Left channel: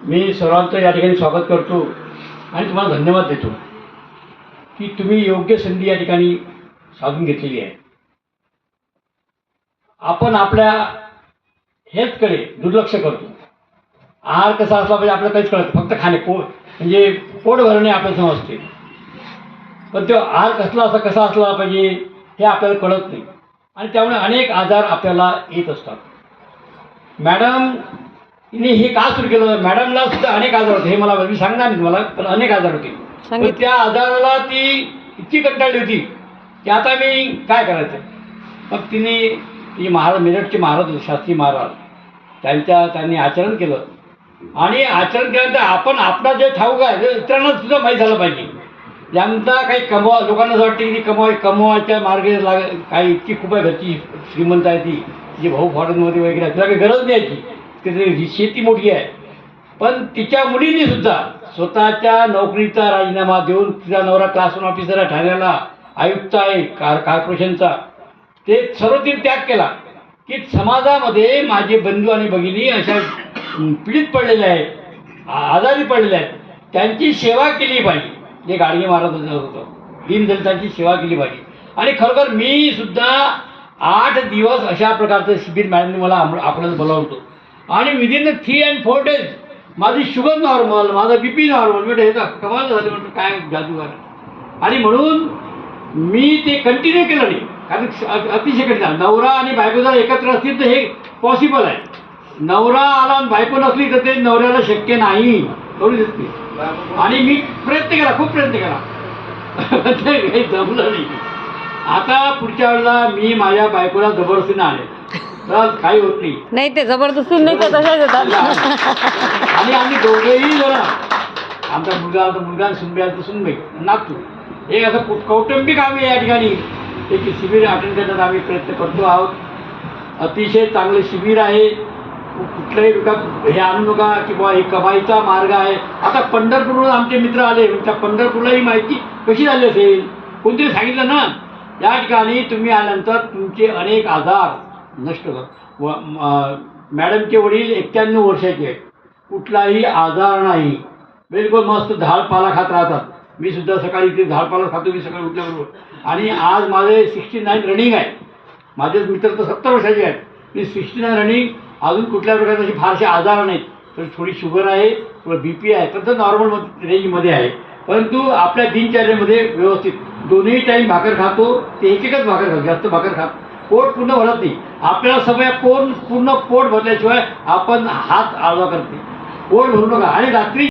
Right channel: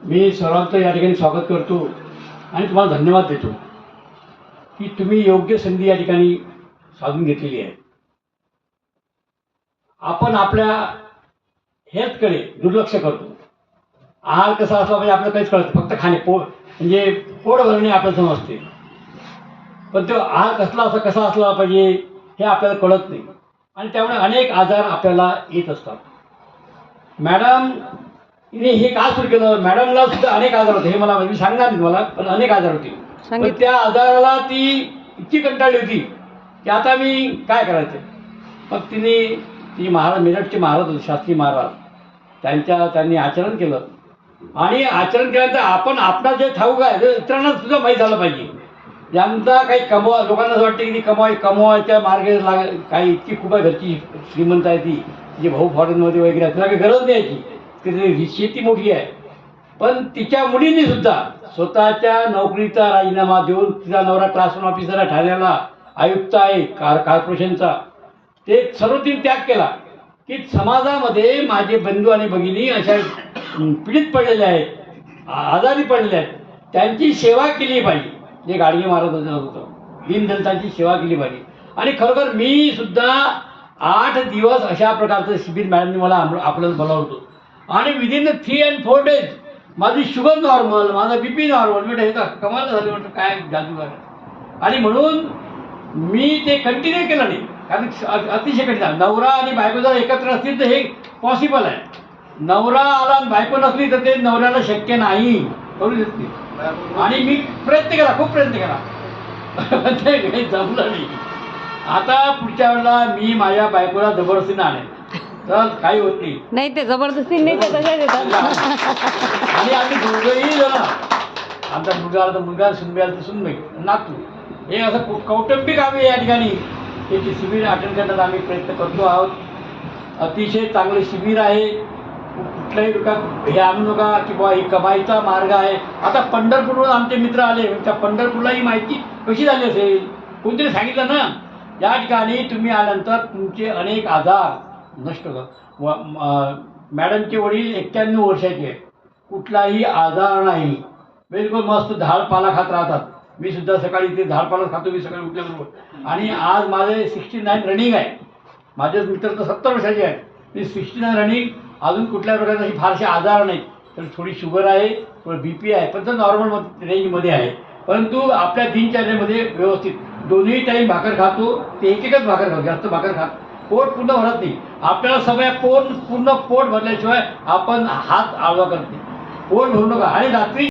मी सर्वांचं या ठिकाणी स्वागत करतो आणि तुम्हाला धन्यवाद देतो की तुम्ही योग्य संधी या ठिकाणी साधून घेतलेली आहे. आपण आपल्या हेल्थकडे दुर्लक्ष करतो. आहार कसा असला पाहिजे आपल्याला काहीच कळत नाही. फक्त खाणे म्हणजे पोट भरणे आपल्याला समजते, पण तो आहार कसा असला पाहिजे हे आपल्याला कळत नाही आणि त्यामुळे अनेक आजार आपल्याला येत असतात. मॅडम तिने हे का सुरू केलं? मॅडमला सुद्धा अनेक आजार होते, हे मी सांगणार नाही तुम्हाला, पण अनेक आजार होते. पण त्या आजाराला ती इतकी कंटाळली होती की आता मी काय करायचं. मग ती मेरठचे महाराज होते, शास्त्री महाराज, त्यांनी आचरण केलं आणि आचरण केल्यानंतर आपण आपला जे ठाऊक आहे ते इतरांना सुद्धा माहीत झालं पाहिजे. ज्यांचा काही लोकांना असं वाटते की कमवायच्या मार्गे काही इतकी खूप आहे, घरची श्रीमंत आहे ती, जे भाऊ फॉरेनमध्ये वगैरे आहे, तिला काही गरज द्यायची, की शेती मोठी आहे. पण तिच्या मुलीने सुद्धा स्वतःच्या नोकरीचा राजीनामा देऊन, तिचा नवरा क्लास 1 ऑफिसर आहे ठाण्याला, आयुक्त आहे कॉर्पोरेशनचा, ते सर्व तिने त्याग केला की समाजामध्ये माझे बंधू आणि भगिनी अशा पीडित पडलेले आहेत, आजारी पडलेले आहेत, त्यांची सेवा केली पाहिजे. जे गाडगे महाराज होतं, दीनदलितांची सेवा केली पाहिजे. आणि खरोखर मी सुद्धा 8 दिवस अशा प्रकारचं शिबिर मॅडमने मला आपल्याला बोलावतो आणि विदिन 3 and 4 days माझी शुगर नॉर्मल, माझा BP नॉर्मल. म्हणजे हे तर कमाल झाली, म्हटलं काय जादू आहे. आणि म्हणून मी ते कंटिन्यू केलं नाही, कारण अतिशय कठीण. नवरा आणि बायको जर एकत्र असतील तर हे पॉसिबल आहे. नवरा आला आणि बायको नसली तर ते नवऱ्याला शक्य नाही, करू शकते. आणि मी प्रयत्न केला, खूप प्रयत्न केला, ते काही जमलं नाही. आता पुढच्या वेळेला मी माझ्या बायकोला जबरदस्तीने आणेल, तर काही होत नाही. ते जबरदस्ती नाही, ते तशाच येतात. आणि आम्ही दोघंही जण, आमचा मुलगा सुनबाई नातू, हे असं कौटुंबिक आम्ही या ठिकाणी एक शिबिर अटेंड करण्याचा आम्ही प्रयत्न करतो आहोत. अतिशय चांगले शिबिर आहे. कुठल्याही लोकांना हे आणू नका की बाबा हे कमाईचा मार्ग आहे. आता पंढरपूरवरून आमचे मित्र आले, त्या पंढरपूरला माहिती कशी झाली असेल, कोणतरी सांगितलं ना. या ठिकाणी तुम्ही आल्यानंतर तुमचे अनेक आजार नष्ट होतात. मॅडमचे वडील 91 वर्षाचे आहेत, कुठलाही आजार नाही, बिलकुल मस्त झाडपाला खात राहतात. मी सुद्धा सकाळी इथे झाडपाला खातो, मी सकाळी उठल्याबरोबर. आणि आज माझे 69 रनिंग आहे. माझेच मित्र तर 70 वर्षाचे आहेत, मी 69 रनिंग. अजून कुठल्या प्रकारचे असे फारसे आजार नाहीत. तर थोडी शुगर आहे, थोडं BP आहे, पण तर नॉर्मल रेंजमध्ये आहे. परंतु आपल्या दिनचर्येमध्ये व्यवस्थित दोन्ही टाईम भाकर खातो, ते एकच भाकर खातो, जास्त भाकर खात पोट पूर्ण भरत नाही. आपल्याला सवय पूर्ण पोट भरल्याशिवाय आपण हात आडवा करते. पोट भरू नका. आणि रात्री